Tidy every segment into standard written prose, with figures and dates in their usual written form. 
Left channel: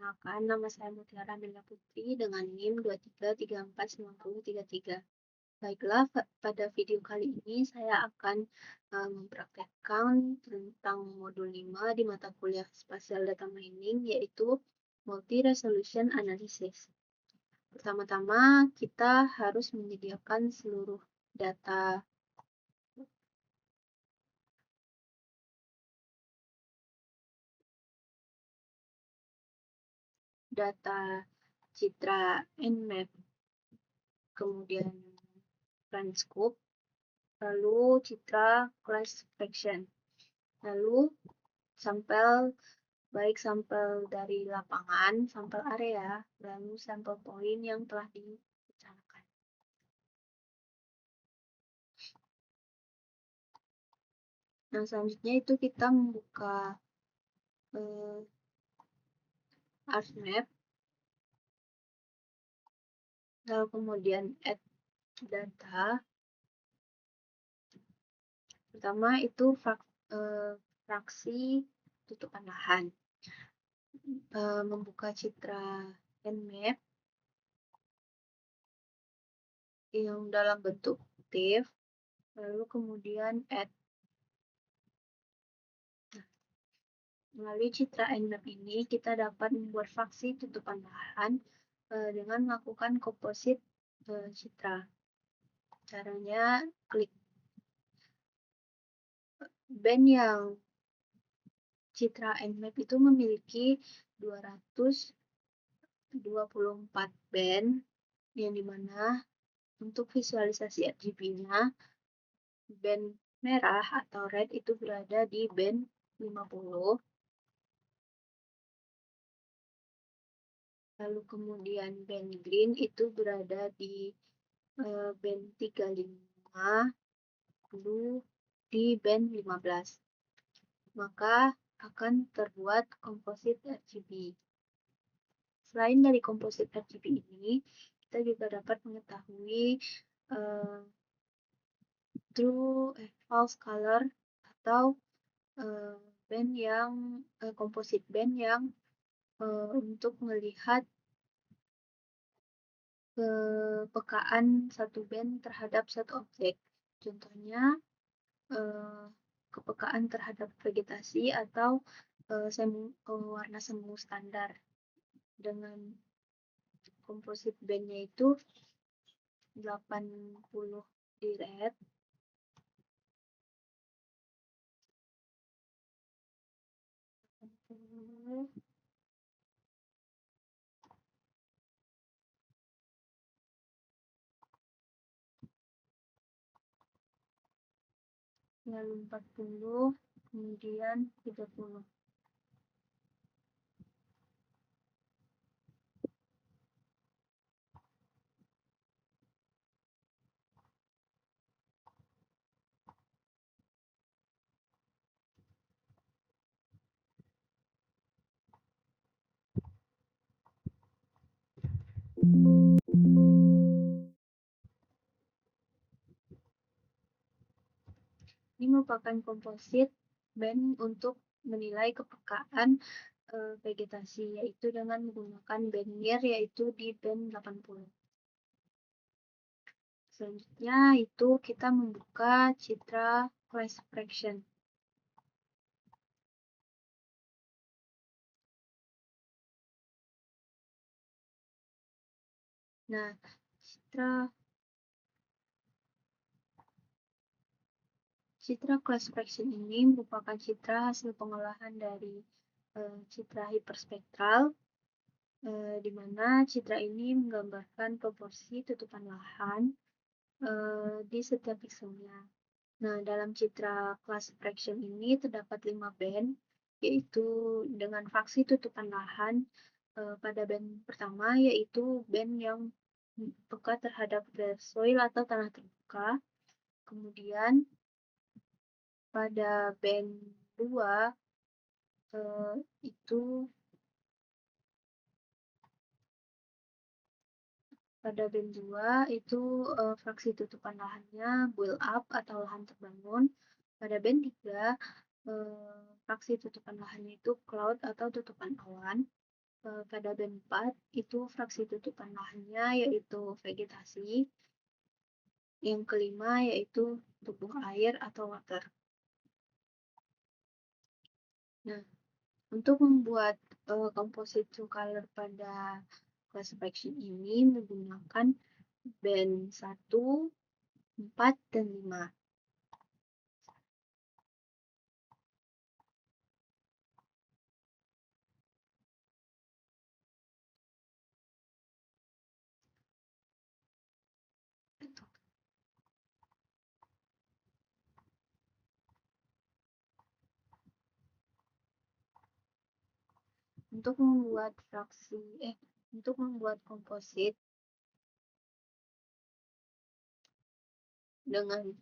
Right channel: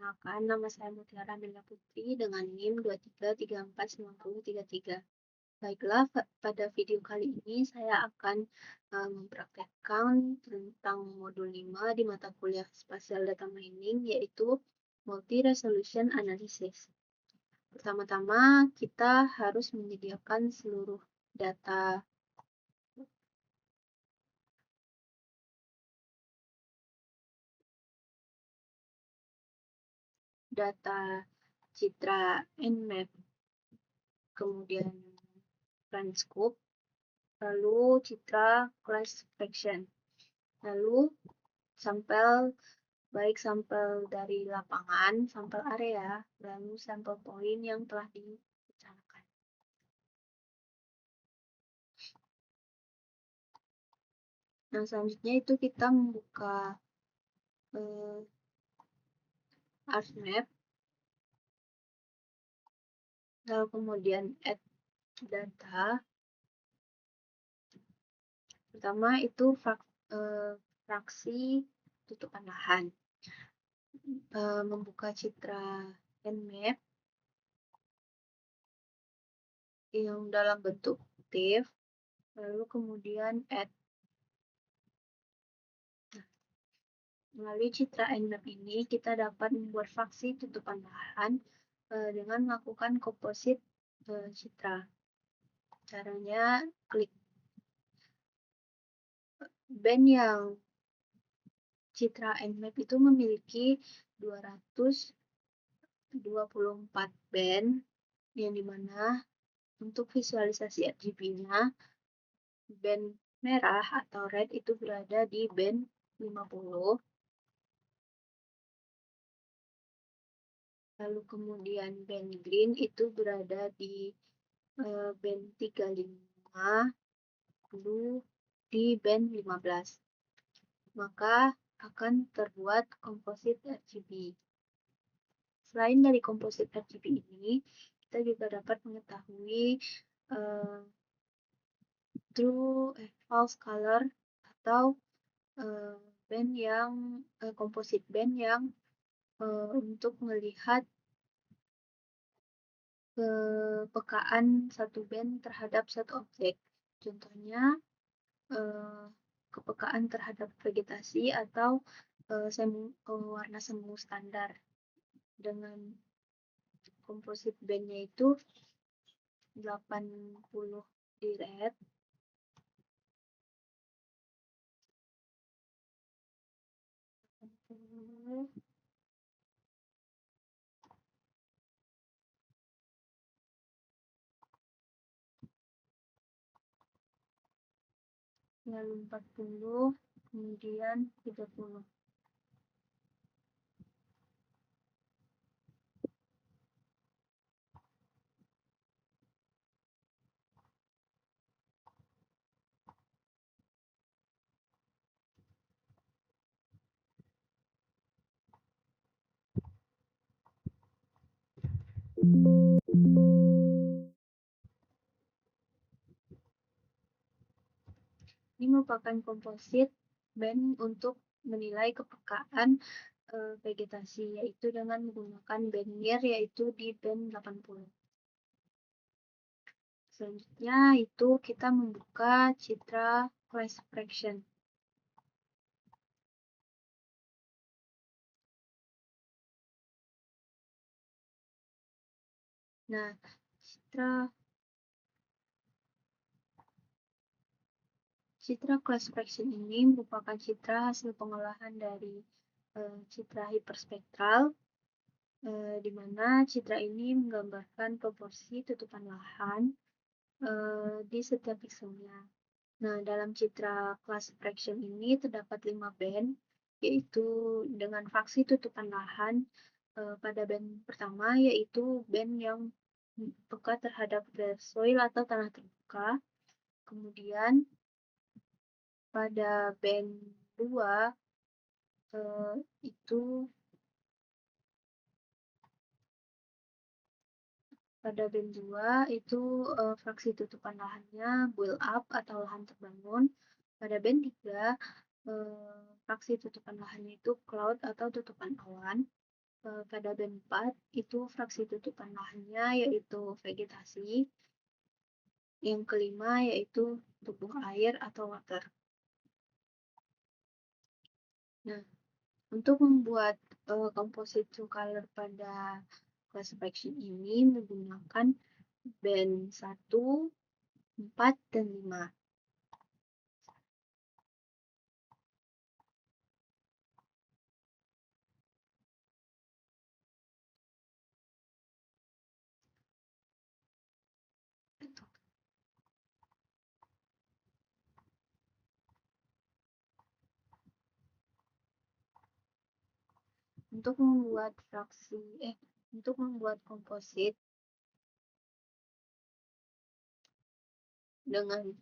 Perkenalkan, nama saya Mutiara Amelia Putri dengan NIM 23349033. Baiklah, pada video kali ini saya akan mempraktekkan tentang modul 5 di mata kuliah Spatial Data Mining, yaitu Multi-Resolution Analysis. Pertama-tama, kita harus menyediakan seluruh data citra Nmap, kemudian PlanScope, lalu citra class fraction, lalu sampel, baik sampel dari lapangan, sampel area, lalu sampel point yang telah direncanakan. Nah, selanjutnya itu kita membuka ArcMap, lalu kemudian add data. Pertama itu fraksi tutupan lahan. Membuka citra Nmap yang dalam bentuk TIFF, lalu kemudian add. Melalui citra Nmap ini, kita dapat membuat fraksi tutupan lahan dengan melakukan komposit citra. Caranya, klik band yang citra Nmap itu memiliki 224 band, yang dimana untuk visualisasi RGB-nya, band merah atau red itu berada di band 50, lalu kemudian band green itu berada di band 35, lalu di band 15. Maka akan terbuat komposit RGB. Selain dari komposit RGB ini, kita juga dapat mengetahui false color atau band yang komposit band yang untuk melihat kepekaan satu band terhadap satu objek. Contohnya kepekaan terhadap vegetasi atau warna semu standar. Dengan komposit bandnya itu 80 di red, lalu 40, kemudian 30. Ini merupakan komposit band untuk menilai kepekaan vegetasi, yaitu dengan menggunakan band near, yaitu di band 80. Selanjutnya itu kita membuka citra class fraction. Nah, citra class fraction ini merupakan citra hasil pengolahan dari citra hiperspektral, di mana citra ini menggambarkan proporsi tutupan lahan di setiap pikselnya. Nah, dalam citra class fraction ini terdapat 5 band, yaitu dengan fraksi tutupan lahan pada band pertama, yaitu band yang peka terhadap soil atau tanah terbuka. Kemudian pada band 2 itu fraksi tutupan lahannya build up atau lahan terbangun. Pada band 3 fraksi tutupan lahannya itu cloud atau tutupan awan. pada band 4 itu fraksi tutupan lahannya yaitu vegetasi. Yang kelima yaitu tubuh air atau water. Nah, untuk membuat composite true color pada class fraction ini menggunakan band 1, 4, dan 5. Untuk membuat untuk membuat komposit dengan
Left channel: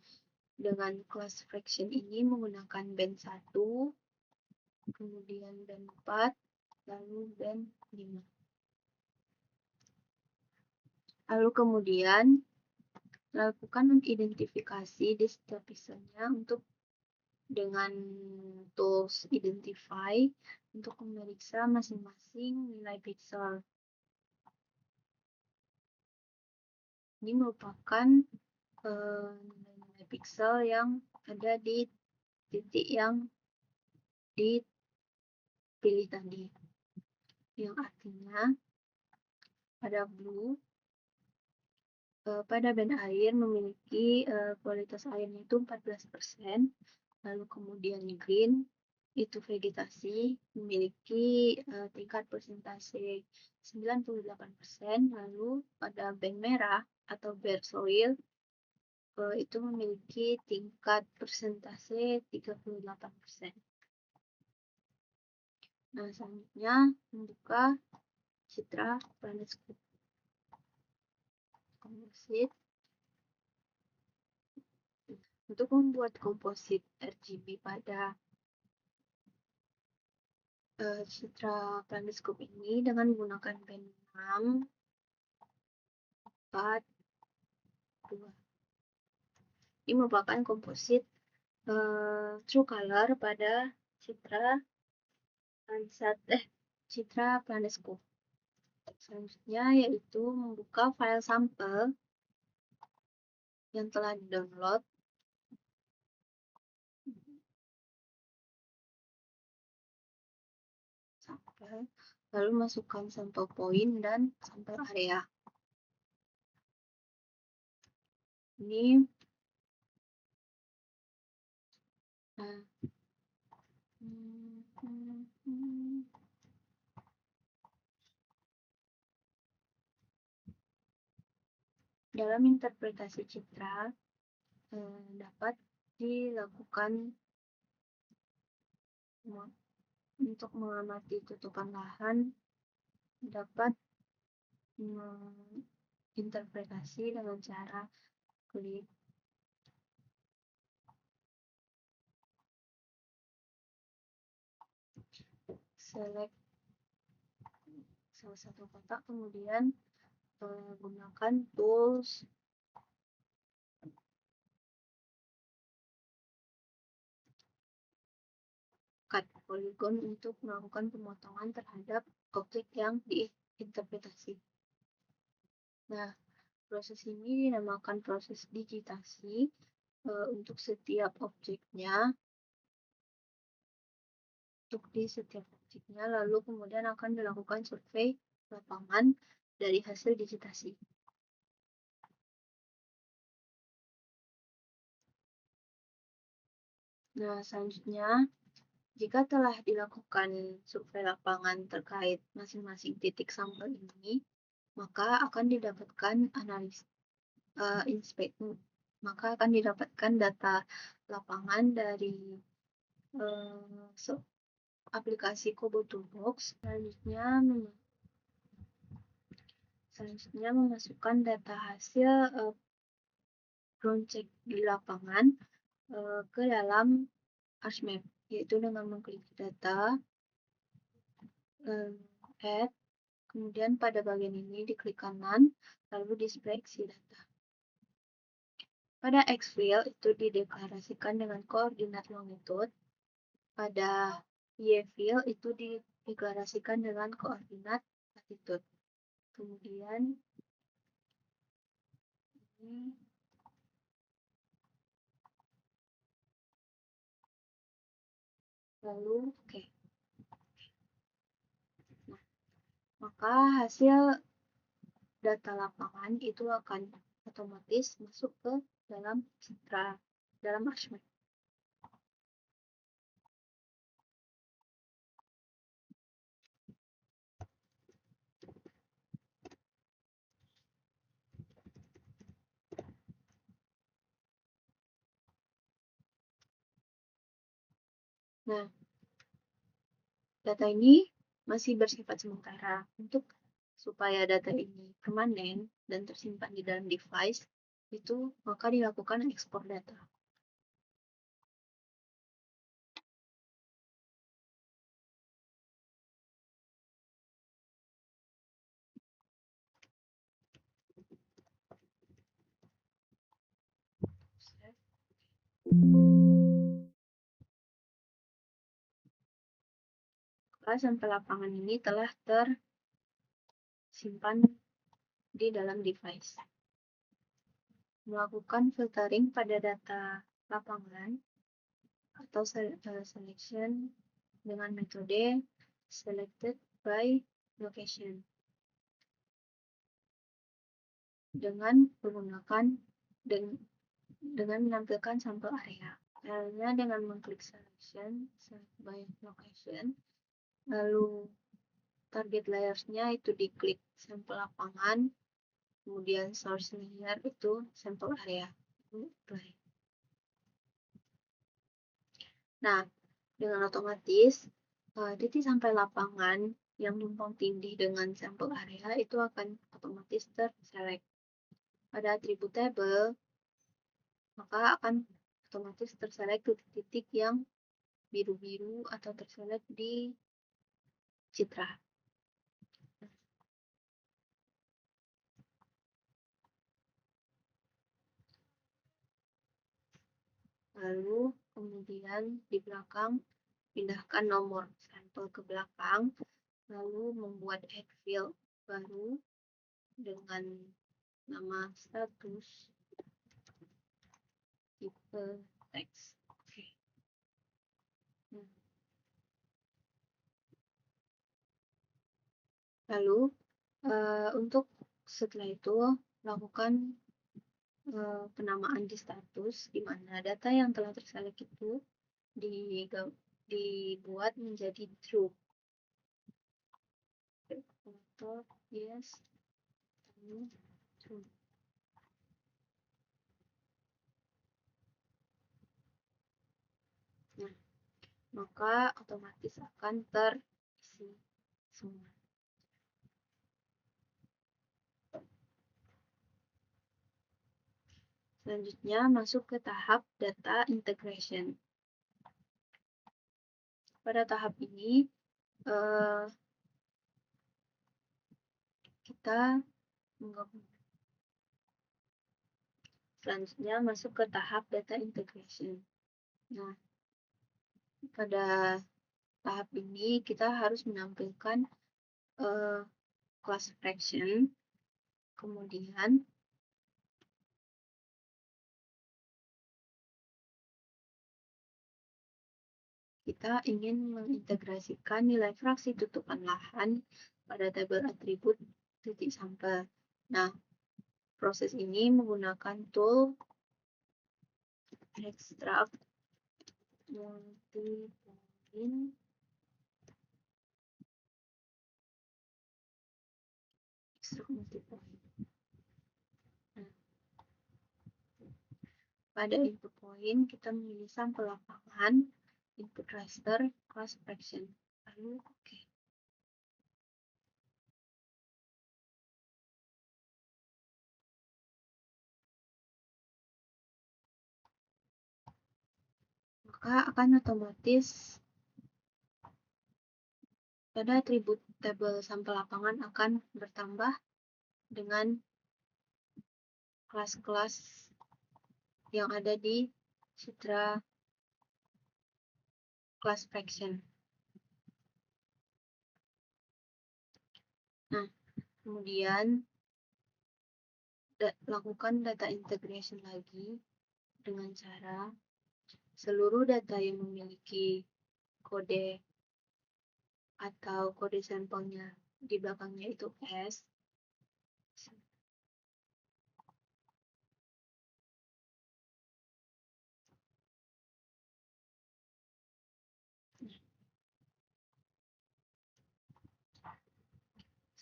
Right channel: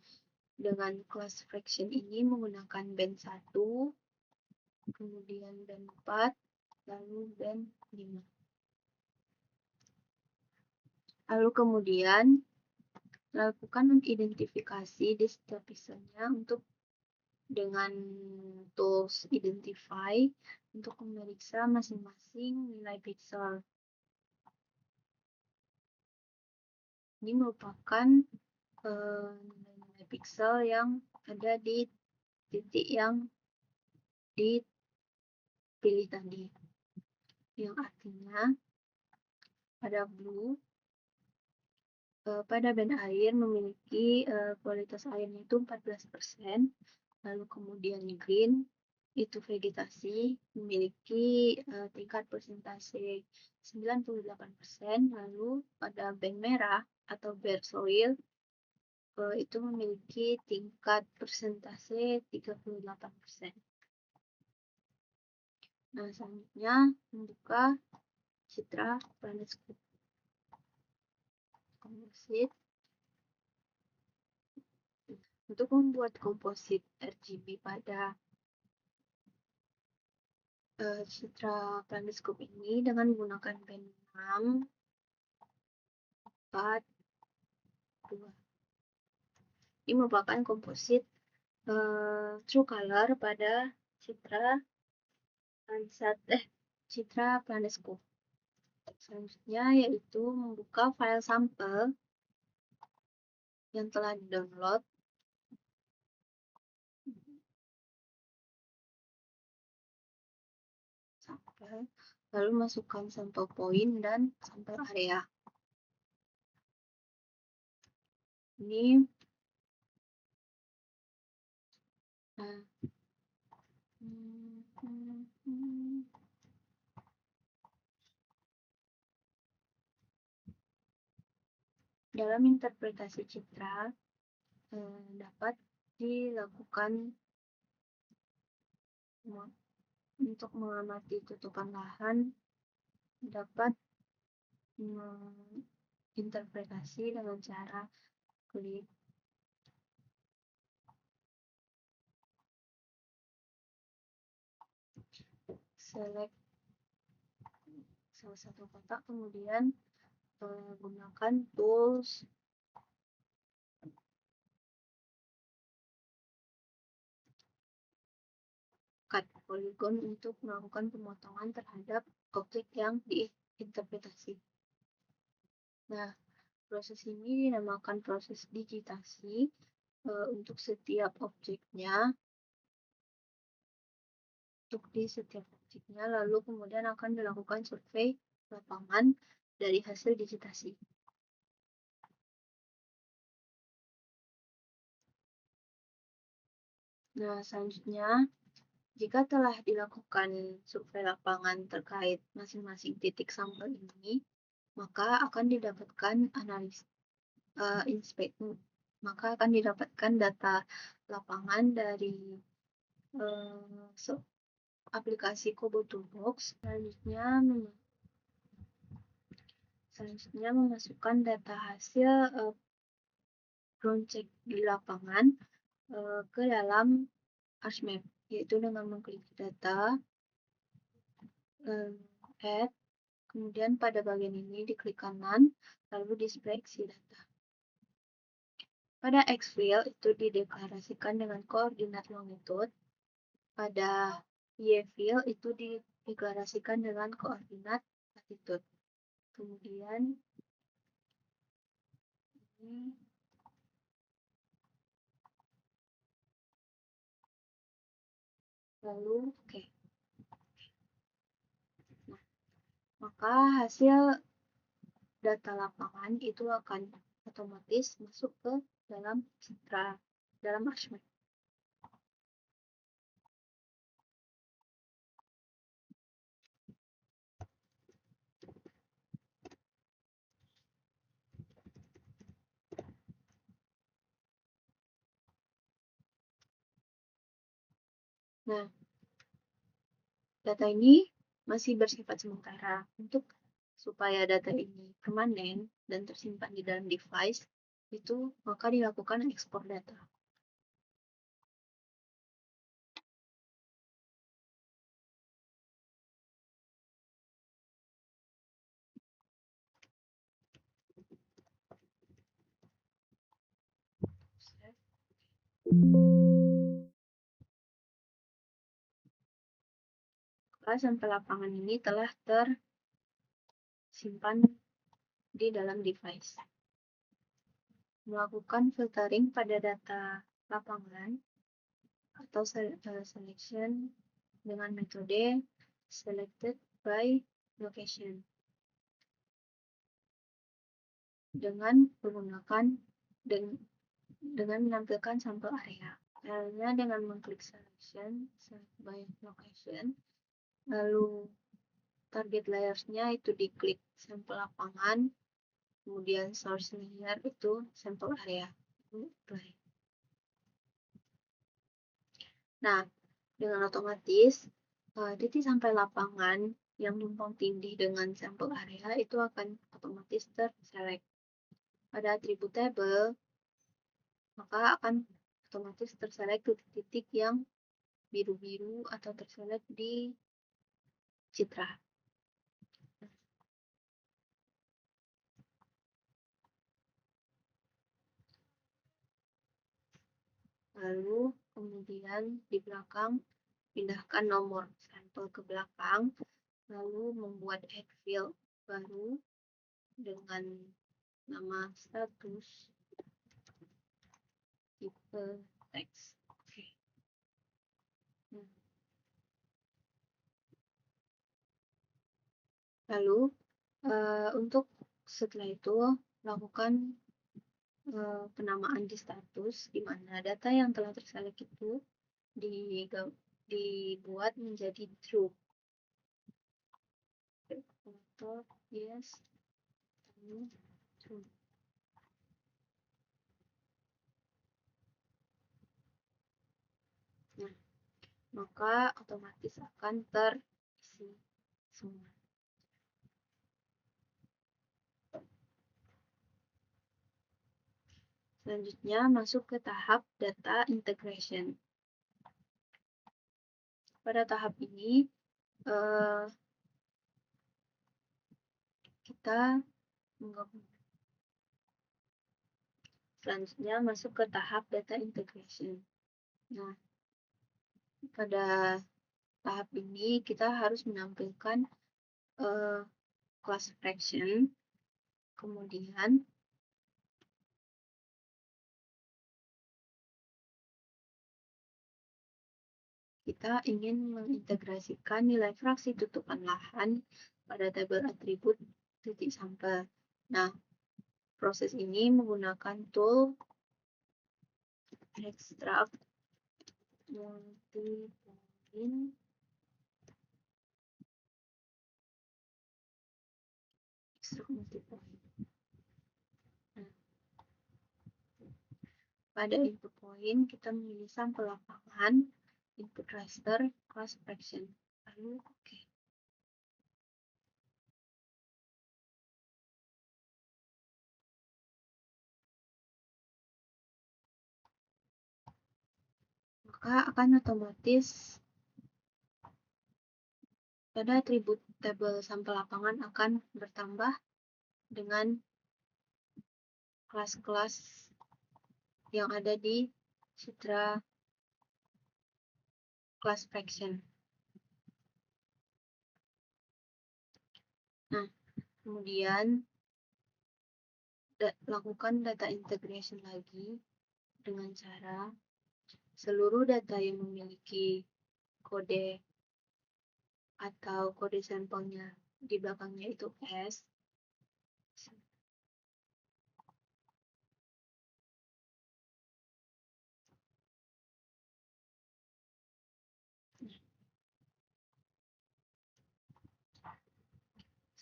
class fraction ini menggunakan band 1, kemudian band 4, lalu band 5. Lalu kemudian lakukan identifikasi di setiap pixelnya dengan tools identify untuk memeriksa masing-masing nilai pixel. Ini merupakan nilai-nilai pixel yang ada di titik yang dipilih tadi. Yang artinya pada blue, pada band air memiliki kualitas airnya itu 14%, lalu kemudian green itu vegetasi memiliki tingkat persentase 98%, lalu pada band merah atau bare soil itu memiliki tingkat persentase 38%. Nah, selanjutnya membuka citra PlanetScope komposit. Untuk membuat komposit RGB pada citra PlanetScope ini dengan menggunakan band 6, 4, 2. Ini merupakan komposit true color pada citra PlanetScope. Selanjutnya yaitu membuka file sampel yang telah di-download. Lalu masukkan sampel point dan sampel area. Ini dalam interpretasi citra dapat dilakukan untuk mengamati tutupan lahan, dapat menginterpretasi dengan cara klik select salah satu kotak, kemudian gunakan tools cut polygon untuk melakukan pemotongan terhadap objek yang diinterpretasi. Nah, proses ini dinamakan proses digitasi untuk setiap objeknya. Lalu kemudian akan dilakukan survei lapangan dari hasil digitasi. Nah, selanjutnya, jika telah dilakukan survei lapangan terkait masing-masing titik sampel ini, maka akan didapatkan data lapangan dari aplikasi Kobo Toolbox. Selanjutnya memasukkan data hasil ground check di lapangan ke dalam ArchMap, yaitu dengan mengklik data, add, kemudian pada bagian ini diklik kanan, lalu display isi data. Pada X-field itu dideklarasikan dengan koordinat longitude, pada Y-field itu deklarasikan dengan koordinat latitude. Kemudian ini lalu oke. Nah, maka hasil data lapangan itu akan otomatis masuk ke dalam citra, dalam Archmap. Nah, data ini masih bersifat sementara. Untuk supaya data ini permanen dan tersimpan di dalam device, itu maka dilakukan ekspor data. Sampel lapangan ini telah tersimpan di dalam device. Melakukan filtering pada data lapangan atau selection dengan metode selected by location dengan menggunakan dengan menampilkan sampel area. Caranya dengan mengklik selection by location, lalu target layers-nya itu diklik sampel lapangan, kemudian source layer itu sampel area. Nah, dengan otomatis titik sampai lapangan yang tumpang tindih dengan sampel area itu akan otomatis terselect. Pada atribut table, maka akan otomatis terselect titik-titik yang biru-biru atau terselect di citra. Lalu kemudian di belakang pindahkan nomor sampel ke belakang, lalu membuat add field baru dengan nama status tipe teks. Oke. Lalu untuk setelah itu lakukan penamaan di status, di mana data yang telah terselect itu dibuat menjadi true. Foto yes true. Nah, maka otomatis akan terisi semua. Selanjutnya masuk ke tahap data integration. Pada tahap ini kita menggabung. Selanjutnya masuk ke tahap data integration. Nah, pada tahap ini kita harus menampilkan class fraction, kemudian kita ingin mengintegrasikan nilai fraksi tutupan lahan pada tabel atribut titik sampel. Nah, proses ini menggunakan tool extract multi-point Nah, pada input point kita memilih sampel lapangan, input raster, class fraction. Lalu oke. Maka akan otomatis pada atribut tabel sampel lapangan akan bertambah dengan kelas-kelas yang ada di citra class fraction. Nah, kemudian lakukan data integration lagi dengan cara seluruh data yang memiliki kode atau kode sampelnya di belakangnya itu S.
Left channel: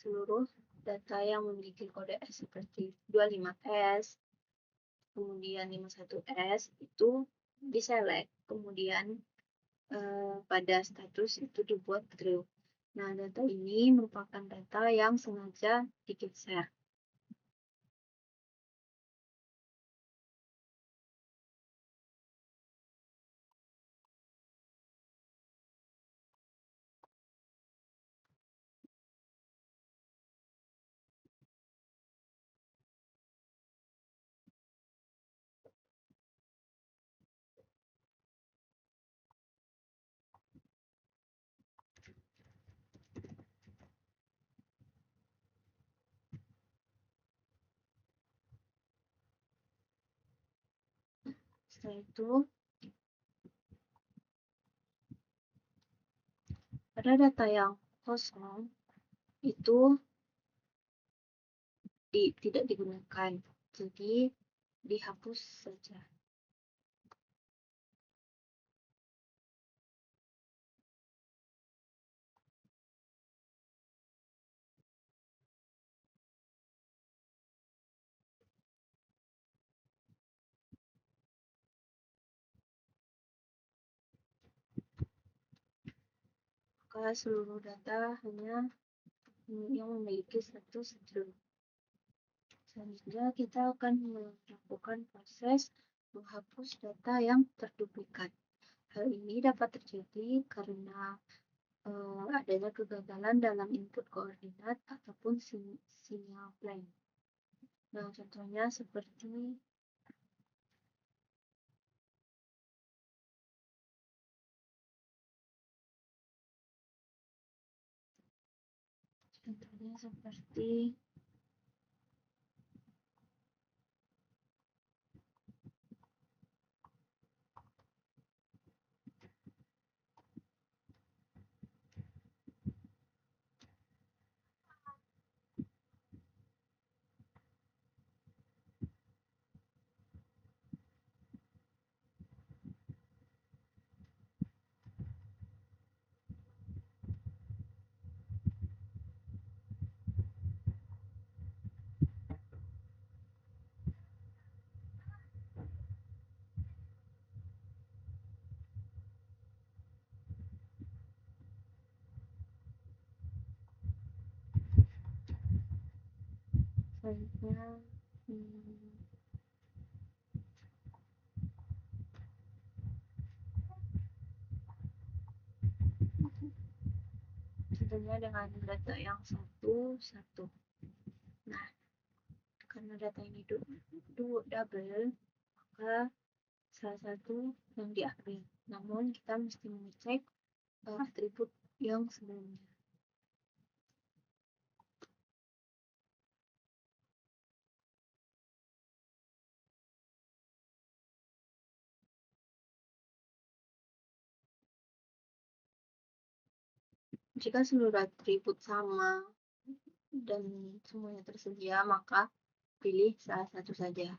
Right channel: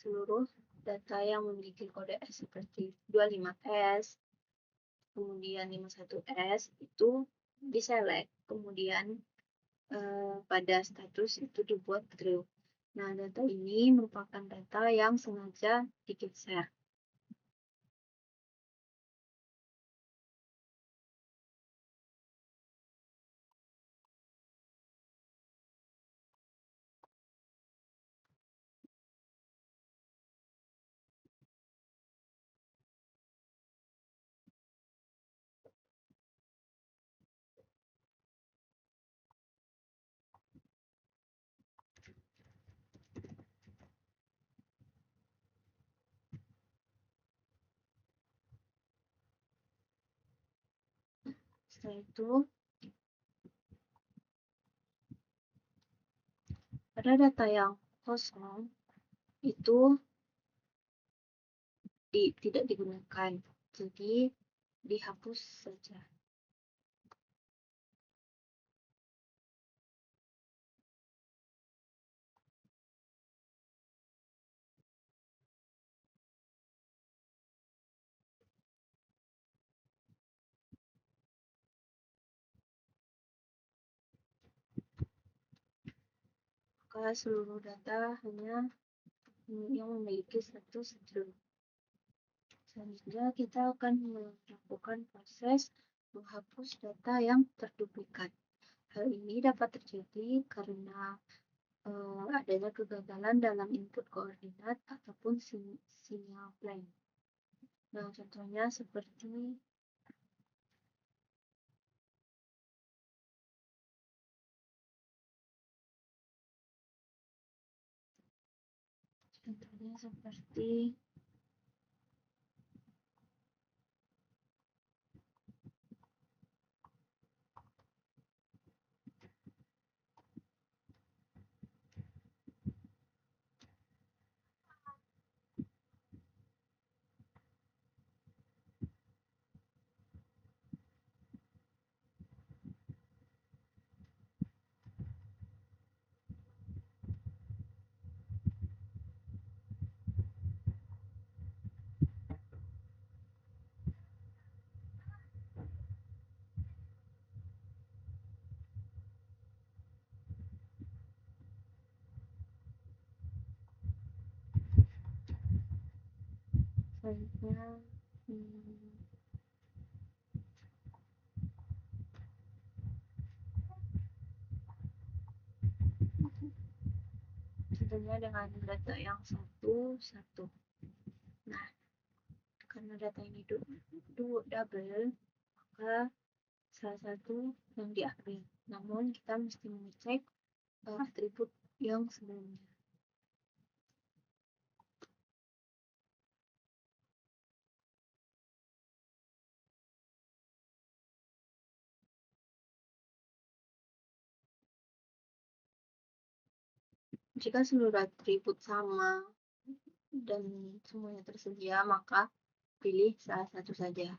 Seluruh data yang memiliki kode S seperti 25S, kemudian 51S itu diselect, kemudian pada status itu dibuat true. Nah, data ini merupakan data yang sengaja digeser. Setelah itu, pada data yang kosong itu tidak digunakan, jadi dihapus saja. Maka seluruh data hanya yang memiliki status true. Selanjutnya kita akan melakukan proses menghapus data yang terduplikat. Hal ini dapat terjadi karena adanya kegagalan dalam input koordinat ataupun sinyal blank. Nah, contohnya seperti selanjutnya contohnya dengan data yang satu. Nah, karena data ini double, maka salah satu yang diambil. Namun kita mesti mengecek atribut yang sebelumnya. Jika seluruh atribut sama dan semuanya tersedia, maka pilih salah satu saja.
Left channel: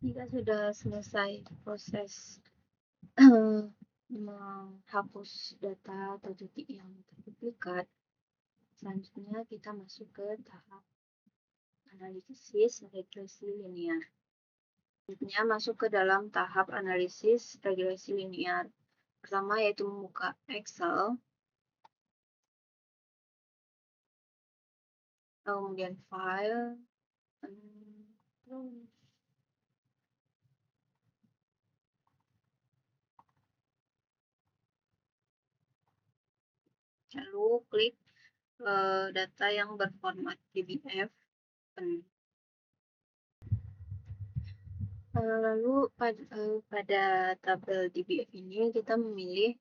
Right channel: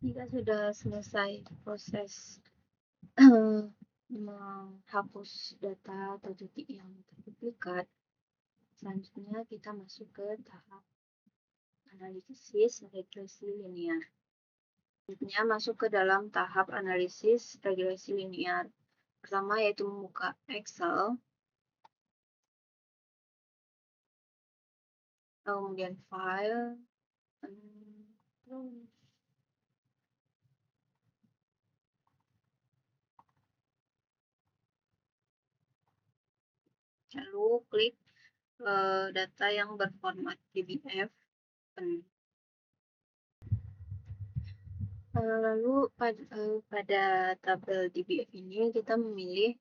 Jika sudah selesai proses menghapus data atau titik yang terduplikat, selanjutnya kita masuk ke tahap analisis regresi linear. Selanjutnya masuk ke dalam tahap analisis regresi linear. Pertama yaitu membuka Excel, kemudian file, lalu klik data yang berformat DBF. Lalu pada tabel DBF ini kita memilih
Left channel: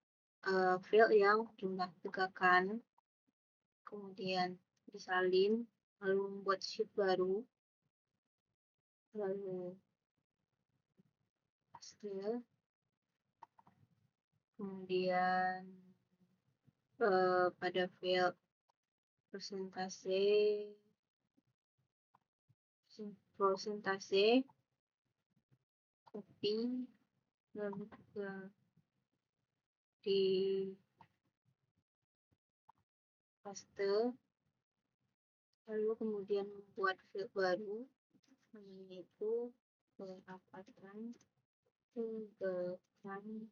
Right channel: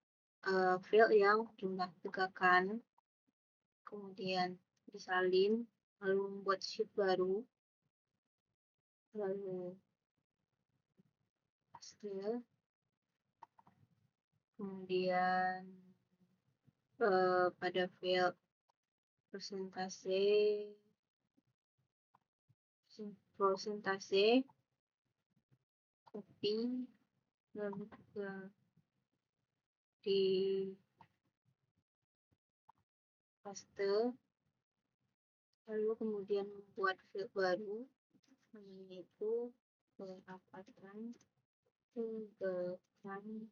field yang jumlah tegakan, kemudian disalin, lalu membuat sheet baru, lalu paste, kemudian pada field persentase copy, lalu juga di paste, lalu kemudian membuat field baru, yaitu pendapatan tegakan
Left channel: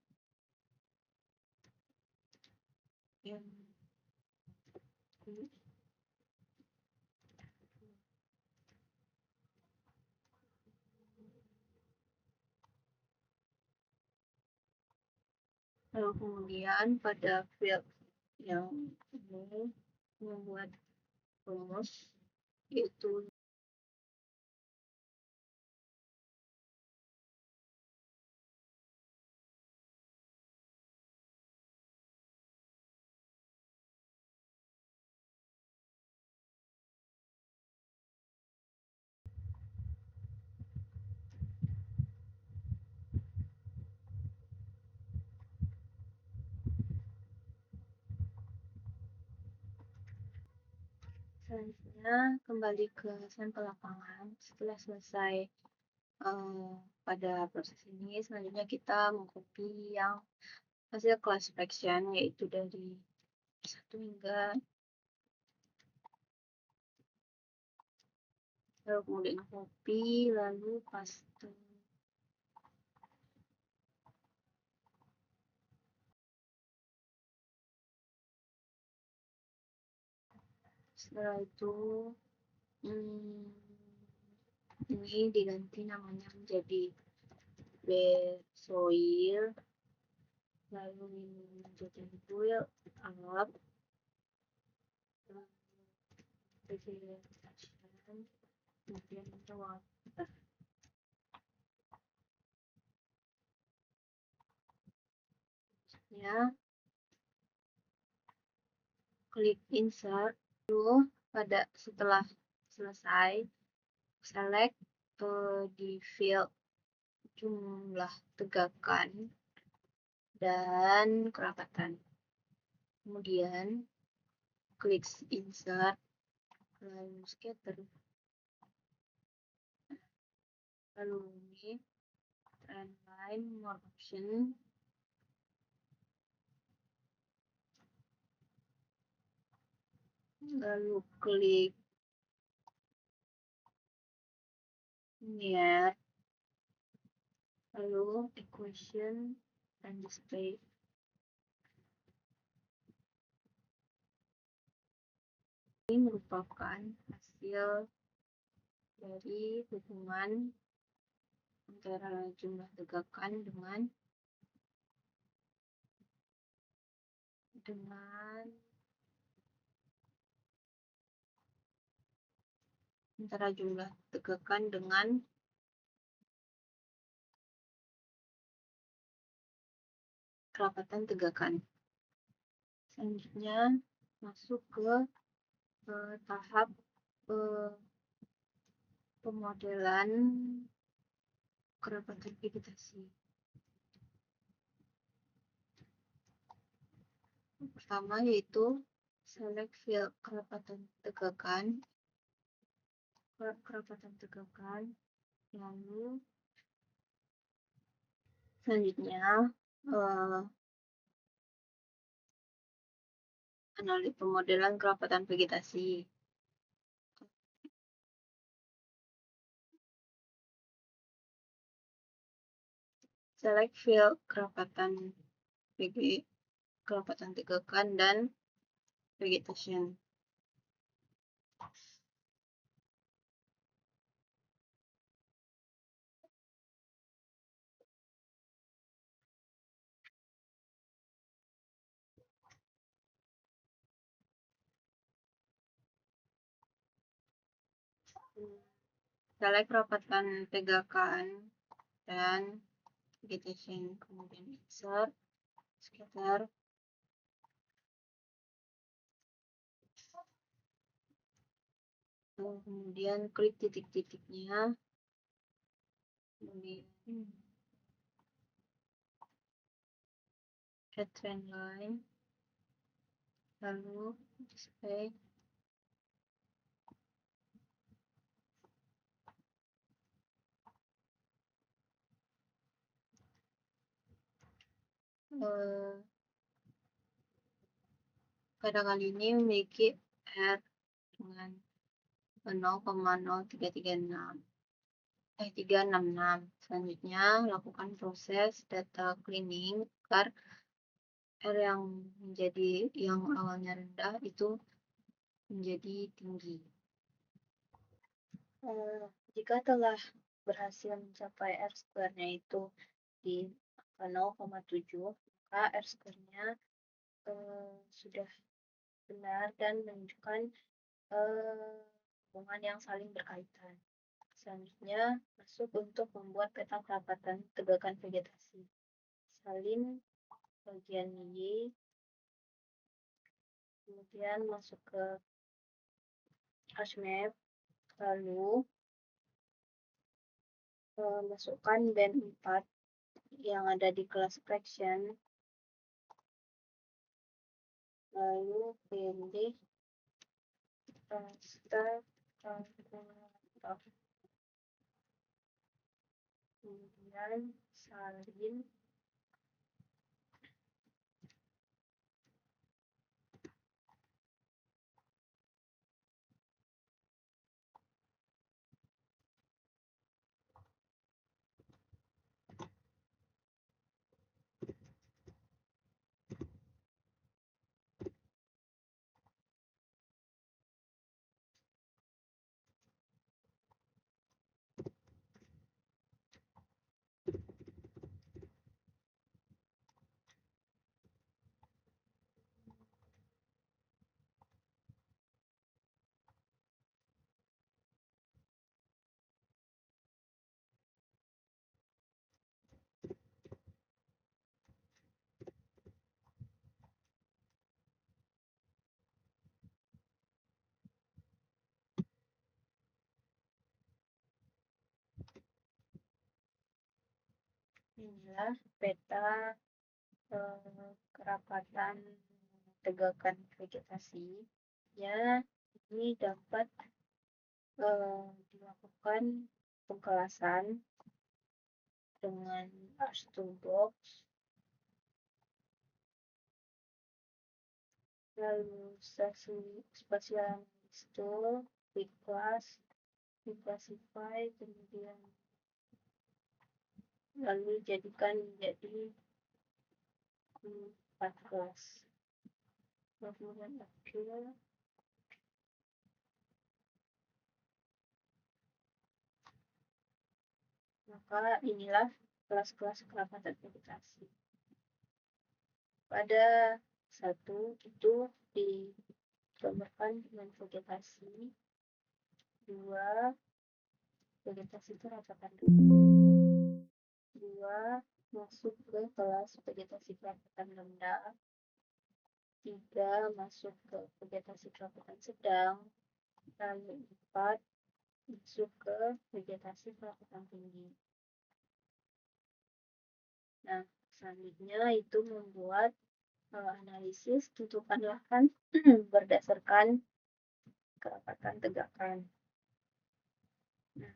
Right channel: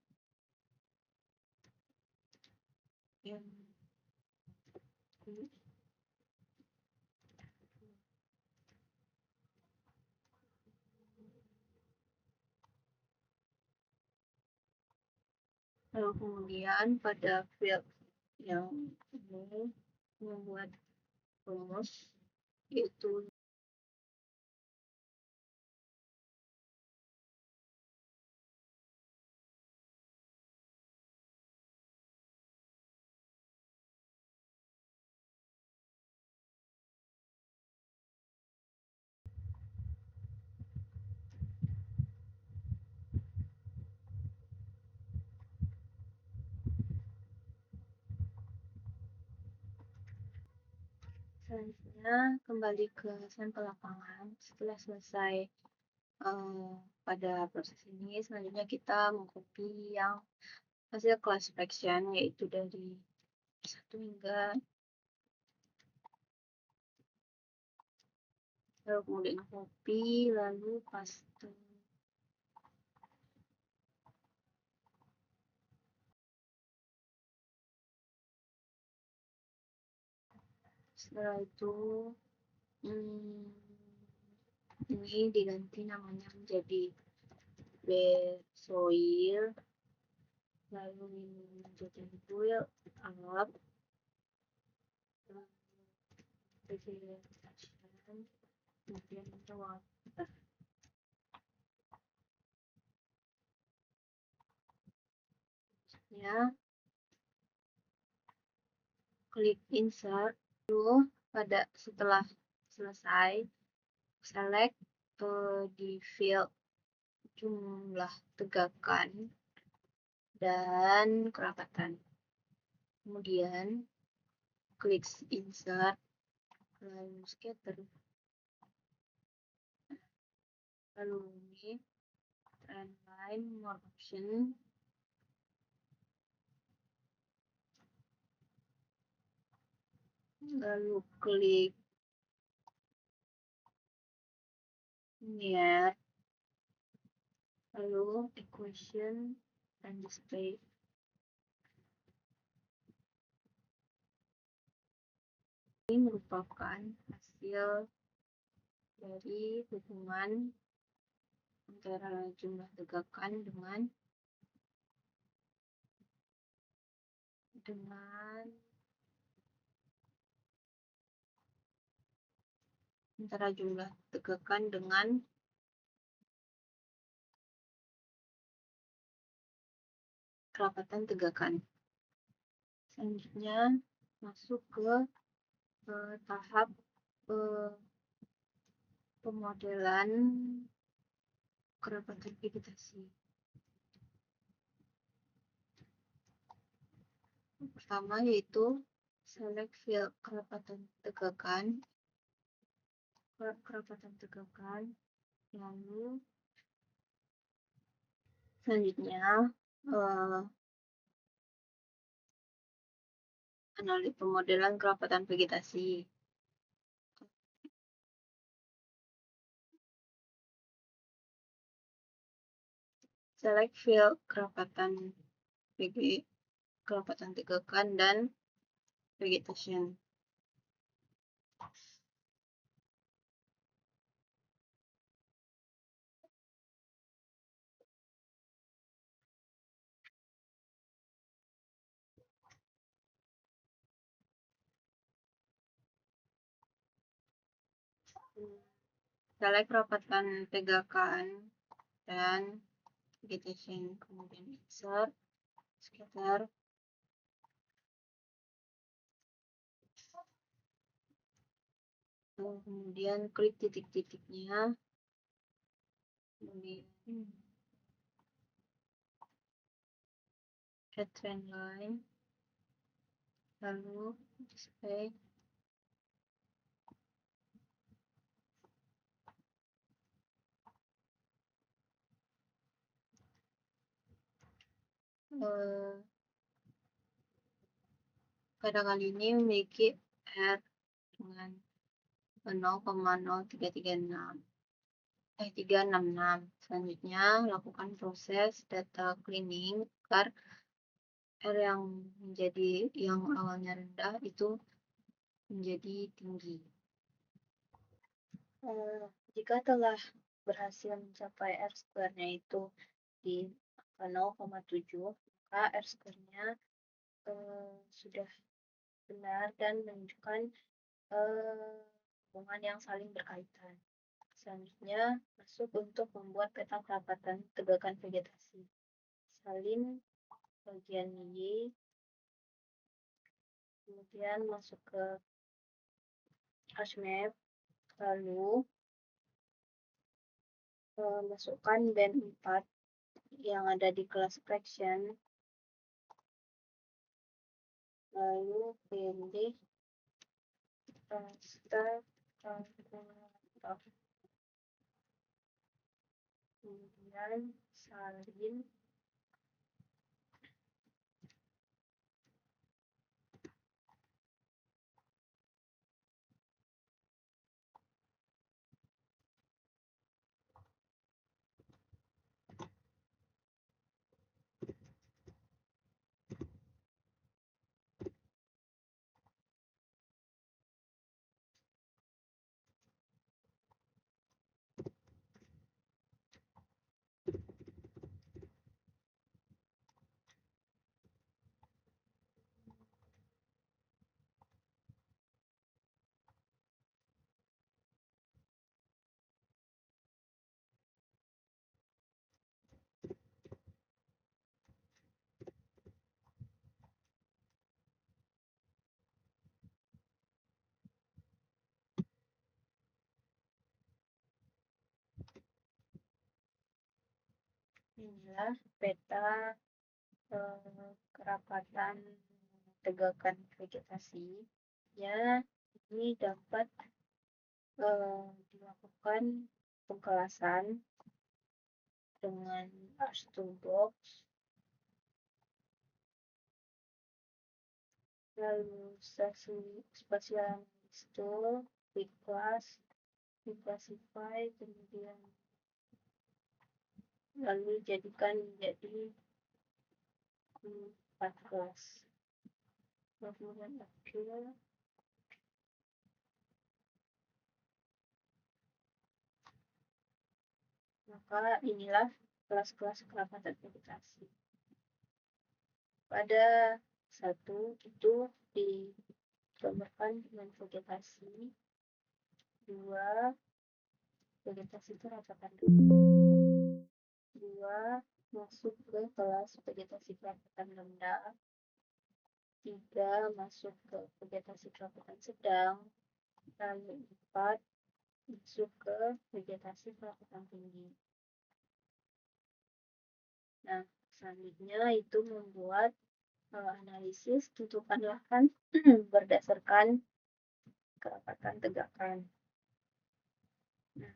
yang lalu kemudian pada field yang ini membuat rumus, yaitu selanjutnya kembali ke sampel lapangan. Setelah selesai pada proses ini, selanjutnya kita mengcopy yang hasil class fraction, yaitu dari 1 hingga, lalu kemudian copy, lalu paste. Setelah itu ini diganti namanya menjadi bed soil, lalu ini menjadi build up, vegetation, kemudian water. Ya, klik insert. Lalu setelah selesai, select di field jumlah tegakan dan kerapatan. Kemudian klik insert, lalu scatter, lalu ini trend line, more option, lalu klik near, lalu equation dan display. Ini merupakan hasil dari hubungan antara jumlah tegakan dengan antara jumlah tegakan dengan kerapatan tegakan. Selanjutnya masuk ke tahap pemodelan kerapatan vegetasi. Pertama yaitu select field kerapatan tegakan, lalu Selanjutnya, analisis pemodelan kerapatan vegetasi. Select field kerapatan kerapatan tegakan dan vegetation. Select kerapatan tegakan dan vegetation, kemudian insert scatter, kemudian klik titik-titiknya, kemudian add trend line, lalu display pada kali ini memiliki R dengan 0,0366. Selanjutnya lakukan proses data cleaning agar R yang awalnya rendah itu menjadi tinggi. Jika telah berhasil mencapai R square-nya itu di 0,7, maka R square-nya sudah benar dan menunjukkan hubungan yang saling berkaitan. Selanjutnya, masuk untuk membuat peta kerapatan tegakan vegetasi. Salin bagian Y, kemudian masuk ke HashMap, lalu masukkan band 4 yang ada di kelas fraction, lalu pilih start calculator, kemudian salin inilah peta kerapatan tegakan vegetasi. Ya, ini dapat dilakukan pengkelasan dengan Toolbox, lalu spatial tool, quick class, classify, kemudian lalu jadikan menjadi 4 kelas. Kemudian akhir, maka inilah kelas-kelas kerapatan vegetasi. Pada 1 itu digambarkan dengan vegetasi, 2 vegetasi kerapatan 2 masuk ke kelas vegetasi kerapatan rendah, 3 masuk ke vegetasi kerapatan sedang, lalu 4 masuk ke vegetasi kerapatan tinggi. Nah, selanjutnya itu membuat analisis tentukan lahan berdasarkan kerapatan tegakan. Nah,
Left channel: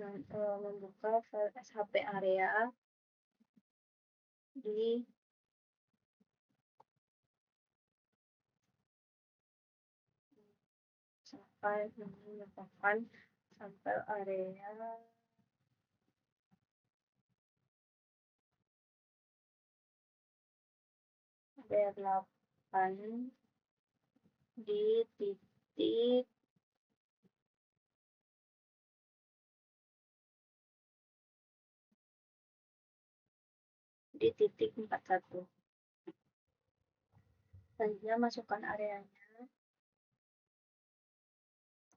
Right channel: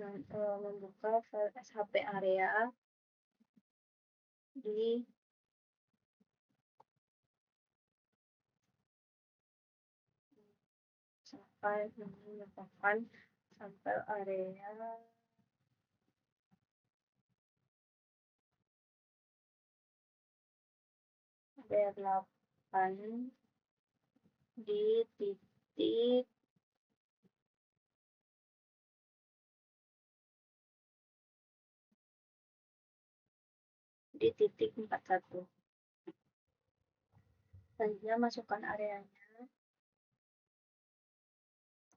membuka file SHP area di sampai merupakan sampel area B8 di titik di titik 41. Selanjutnya masukkan areanya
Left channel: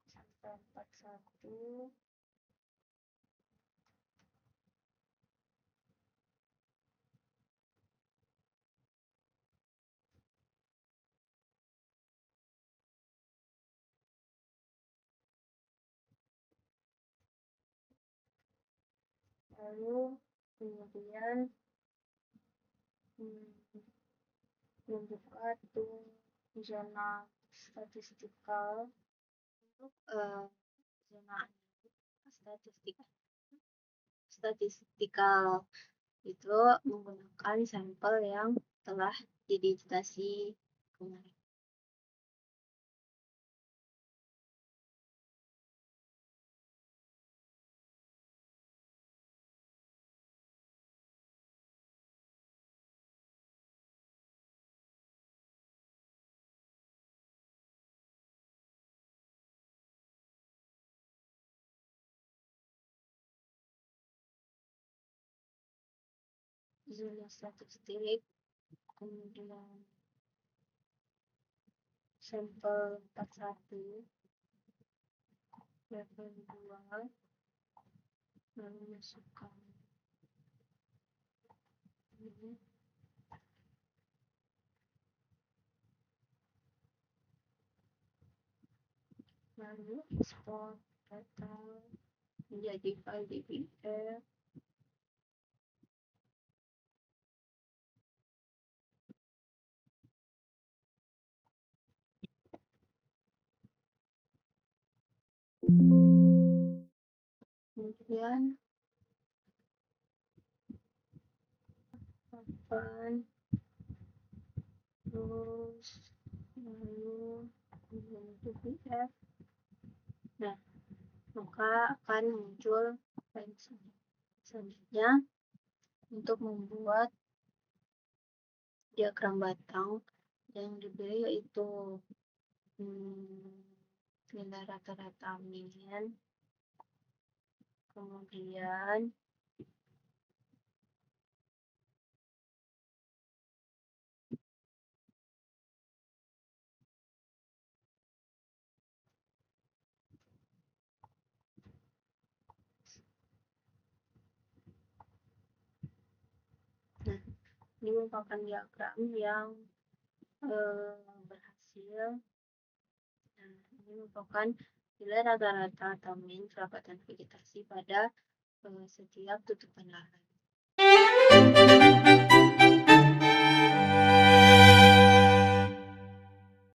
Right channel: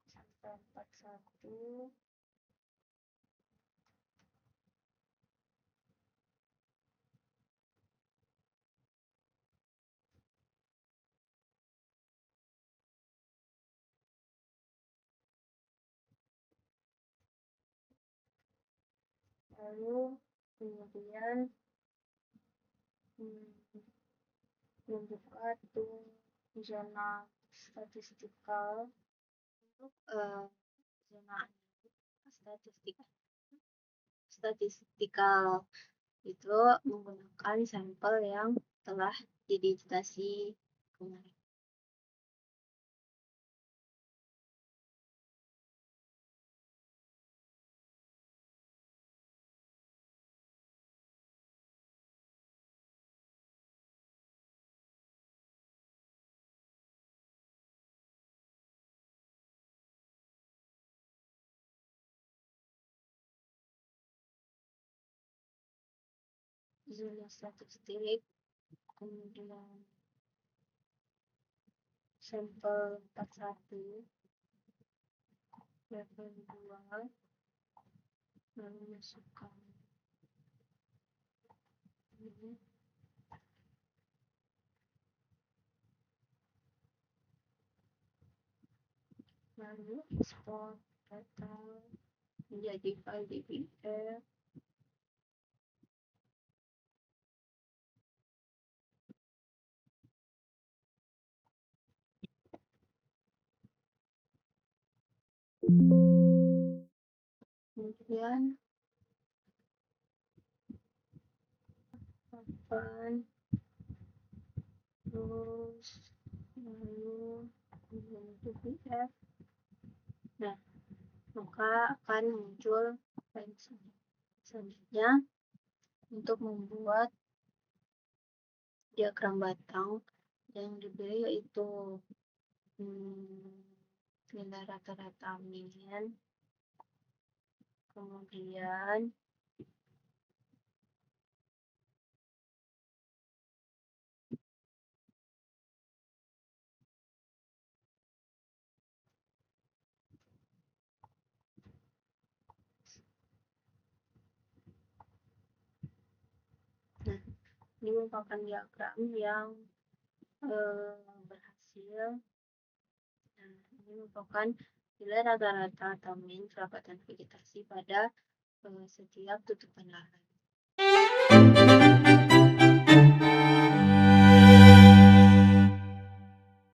sampai 41. Lalu kemudian membuka zona statistikal. Untuk zona statistikal itu menggunakan sampel yang telah didigitasi kemarin. Zona statistik, kemudian sampel 41 level 2, lalu masukkan ini, lalu export data menjadi file DBF. Kemudian open, terus lalu DBF. Nah, maka akan muncul file selanjutnya untuk membuat diagram batang yang diberi yaitu nilai rata-rata min, kemudian ini merupakan diagram yang berhasil. Nah, ini merupakan nilai rata-rata atau min kerapatan vegetasi pada setiap tutupan lahan.